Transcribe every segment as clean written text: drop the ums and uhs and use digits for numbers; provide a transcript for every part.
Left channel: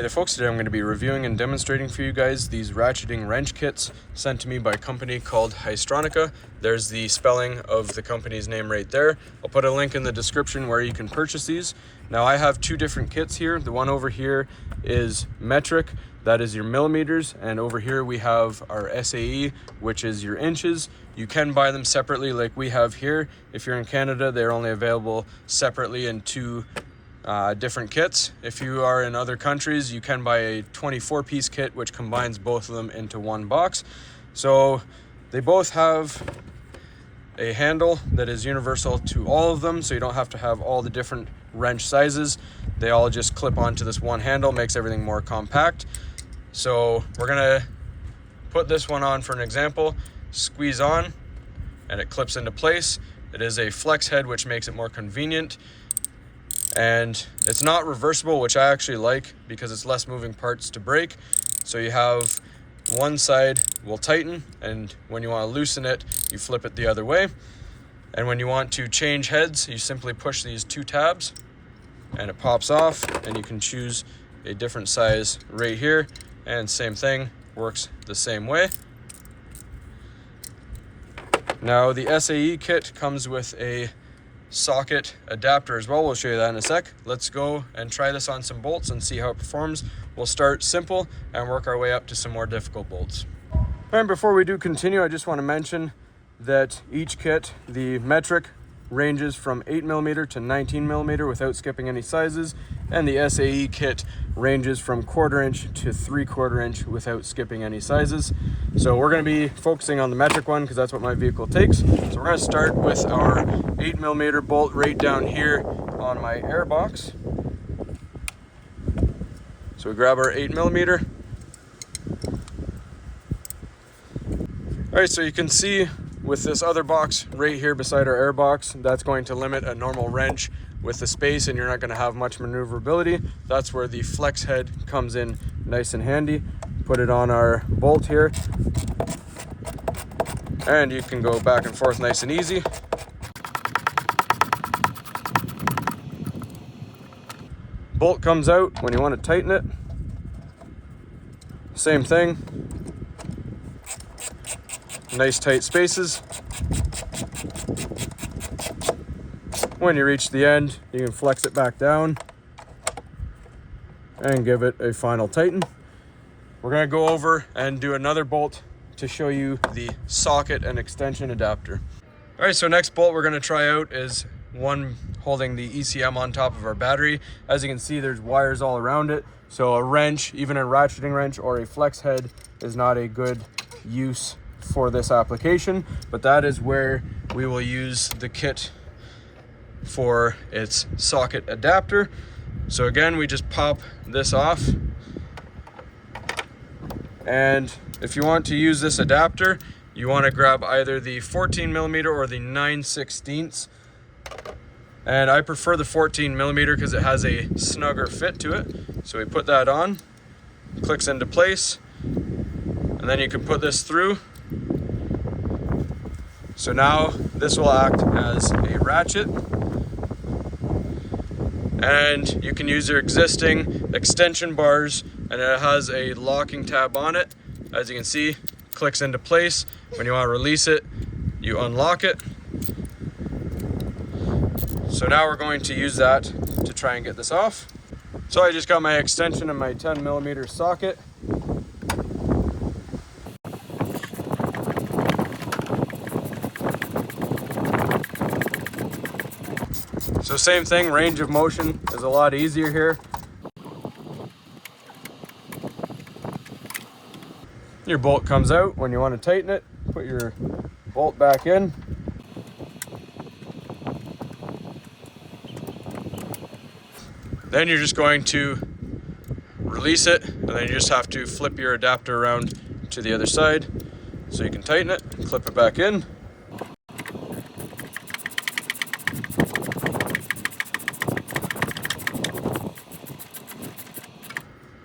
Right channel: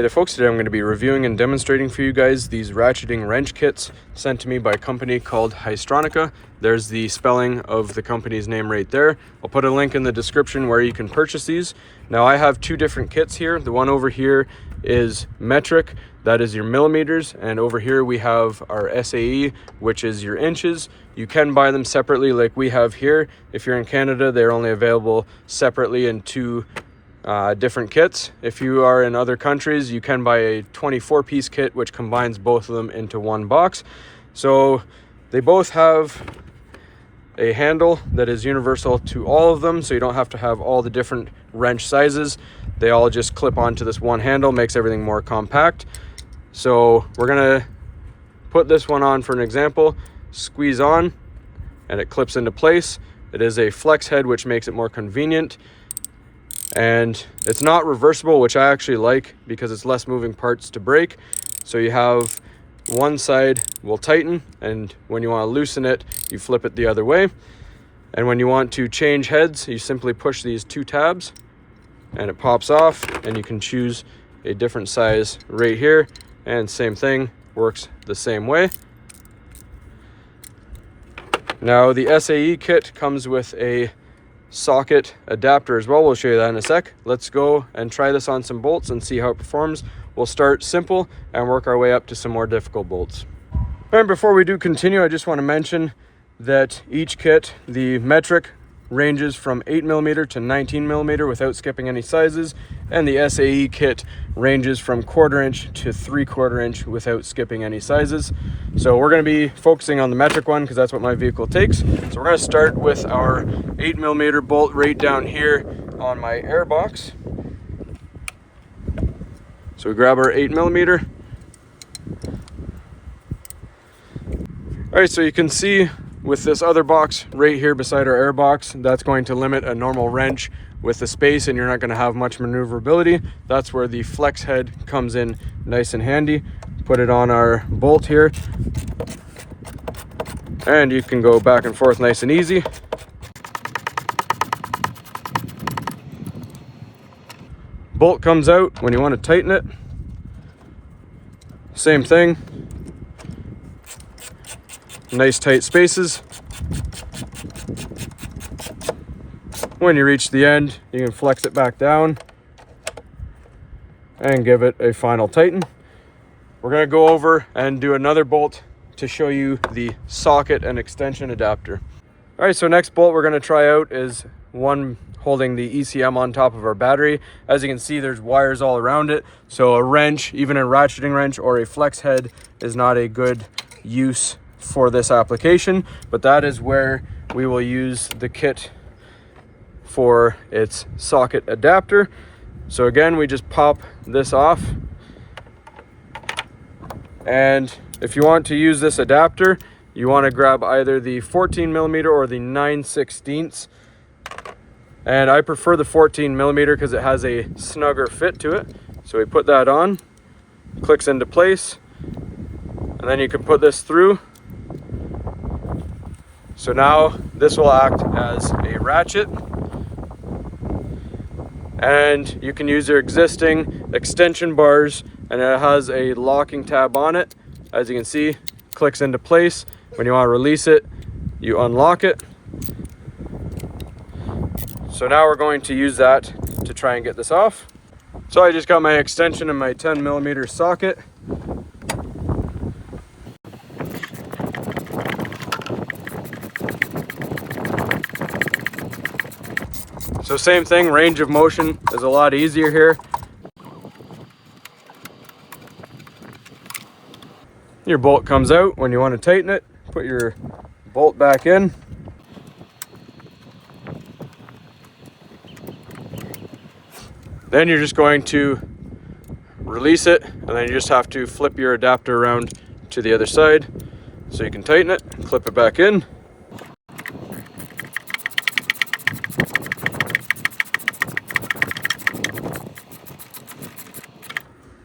Hey there folks, today I'm going to be reviewing and demonstrating for you guys these ratcheting wrench kits sent to me by a company called Haisstronica. There's the spelling of the company's name right there. I'll put a link in the description where you can purchase these. Now I have two different kits here. The one over here is metric, that is your millimeters, and over here we have our SAE, which is your inches. You can buy them separately like we have here. If you're in Canada, they're only available separately in two different kits. If you are in other countries, you can buy a 24-piece kit which combines both of them into one box. So they both have a handle that is universal to all of them, so you don't have to have all the different wrench sizes. They all just clip onto this one handle, makes everything more compact. So we're gonna put this one on for an example. Squeeze on and it clips into place. It is a flex head, which makes it more convenient. And it's not reversible, which I actually like because it's less moving parts to break. So you have one side will tighten, and when you want to loosen it, you flip it the other way. And when you want to change heads, you simply push these two tabs and it pops off, and you can choose a different size right here. And same thing, works the same way. Now the SAE kit comes with a socket adapter as well. We'll show you that in a sec. Let's go and try this on some bolts and see how it performs. We'll start simple and work our way up to some more difficult bolts. And before we do continue, I just want to mention that each kit, the metric, ranges from 8mm to 19mm without skipping any sizes, and the SAE kit ranges from 1/4 inch to 3/4 inch without skipping any sizes. So we're going to be focusing on the metric one because that's what my vehicle takes. So we're going to start with our 8mm bolt right down here on my air box. So we grab our 8mm. All right, so you can see with this other box right here beside our air box, that's going to limit a normal wrench with the space, and you're not going to have much maneuverability. That's where the flex head comes in nice and handy. Put it on our bolt here, and you can go back and forth nice and easy. Bolt comes out when you want to tighten it. Same thing. Nice tight spaces. When you reach the end, you can flex it back down and give it a final tighten. We're going to go over and do another bolt to show you the socket and extension adapter. All right, so next bolt we're going to try out is one holding the ECM on top of our battery. As you can see, there's wires all around it. So a wrench, even a ratcheting wrench or a flex head, is not a good use for this application, but that is where we will use the kit for its socket adapter. So again, we just pop this off, and if you want to use this adapter, you want to grab either the 14mm or the 9/16, and I prefer the 14mm because it has a snugger fit to it. So we put that on, clicks into place, and then you can put this through. So now this will act as a ratchet, and you can use your existing extension bars, and it has a locking tab on it. As you can see, clicks into place. When you want to release it, you unlock it. So now we're going to use that to try and get this off. So I just got my extension in my 10mm socket. So same thing, range of motion is a lot easier here. Your bolt comes out when you want to tighten it. Put your bolt back in. Then you're just going to release it, and then you just have to flip your adapter around to the other side so you can tighten it, clip it back in.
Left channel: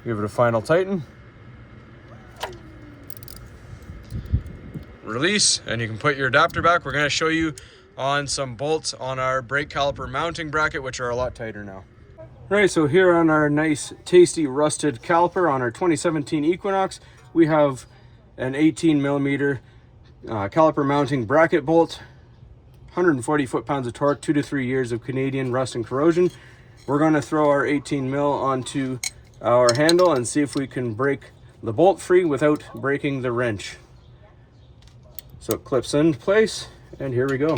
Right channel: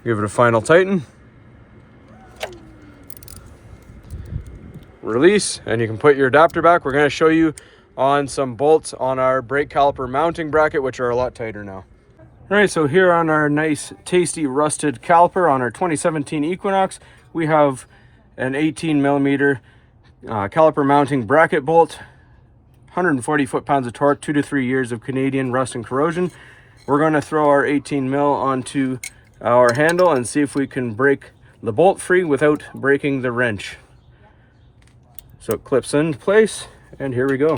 Give it a final tighten. Release, and you can put your adapter back. We're going to show you on some bolts on our brake caliper mounting bracket, which are a lot tighter now. All right, so here on our nice, tasty, rusted caliper on our 2017 Equinox, we have an 18 millimeter caliper mounting bracket bolt, 140 foot-pounds of torque, 2 to 3 years of Canadian rust and corrosion. We're going to throw our 18 mil onto our handle and see if we can break the bolt free without breaking the wrench. So it clips into place, and here we go.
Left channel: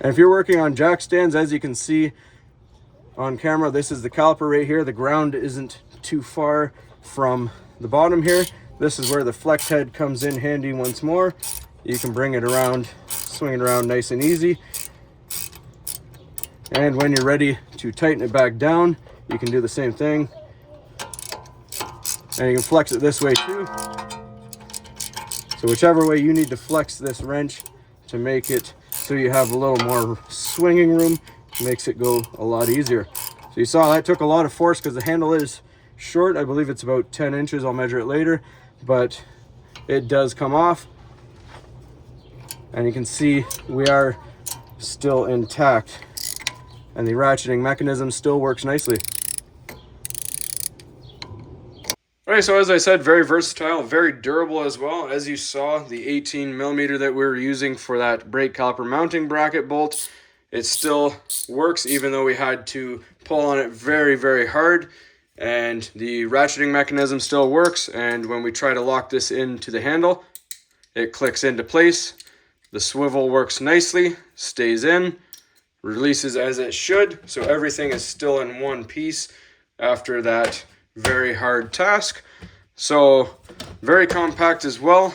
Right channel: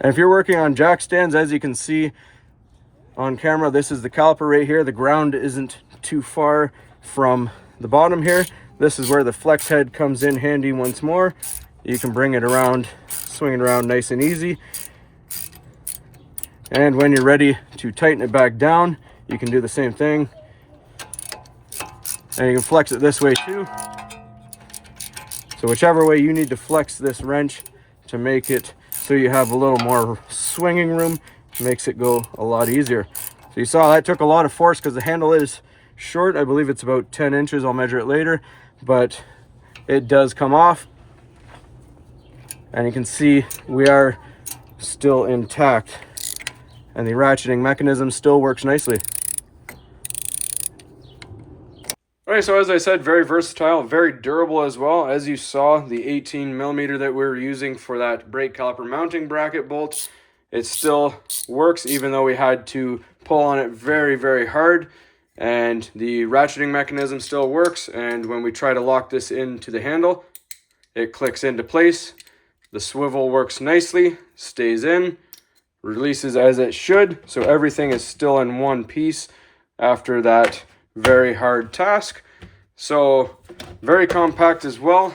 And if you're working on jack stands, as you can see on camera, this is the caliper right here. The ground isn't too far from the bottom here. This is where the flex head comes in handy once more. You can bring it around, swing it around nice and easy. And when you're ready to tighten it back down, you can do the same thing. And you can flex it this way too. So whichever way you need to flex this wrench to make it so you have a little more swinging room, makes it go a lot easier. So you saw that took a lot of force because the handle is short. I believe it's about 10 inches. I'll measure it later, but it does come off. And you can see we are still intact, and the ratcheting mechanism still works nicely. Alright, so as I said, very versatile, very durable as well. As you saw, the 18 millimeter that we were using for that brake caliper mounting bracket bolt, it still works even though we had to pull on it very, very hard. And the ratcheting mechanism still works, and when we try to lock this into the handle, it clicks into place. The swivel works nicely, stays in, releases as it should, so everything is still in one piece after that very hard task. So very compact as well,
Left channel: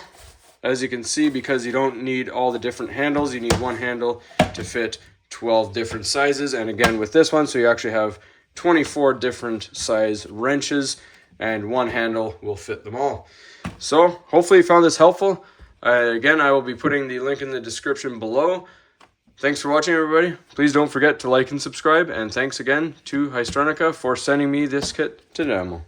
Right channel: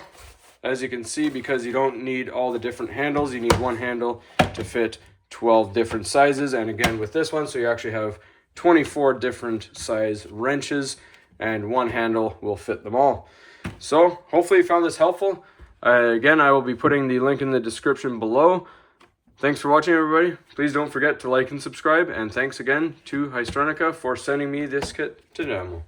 as you can see, because you don't need all the different handles. You need one handle to fit 12 different sizes, and again with this one, so you actually have 24 different size wrenches, and one handle will fit them all. So hopefully you found this helpful. Again, I will be putting the link in the description below. Thanks for watching, everybody. Please don't forget to like and subscribe, and thanks again to Haisstronica for sending me this kit to demo.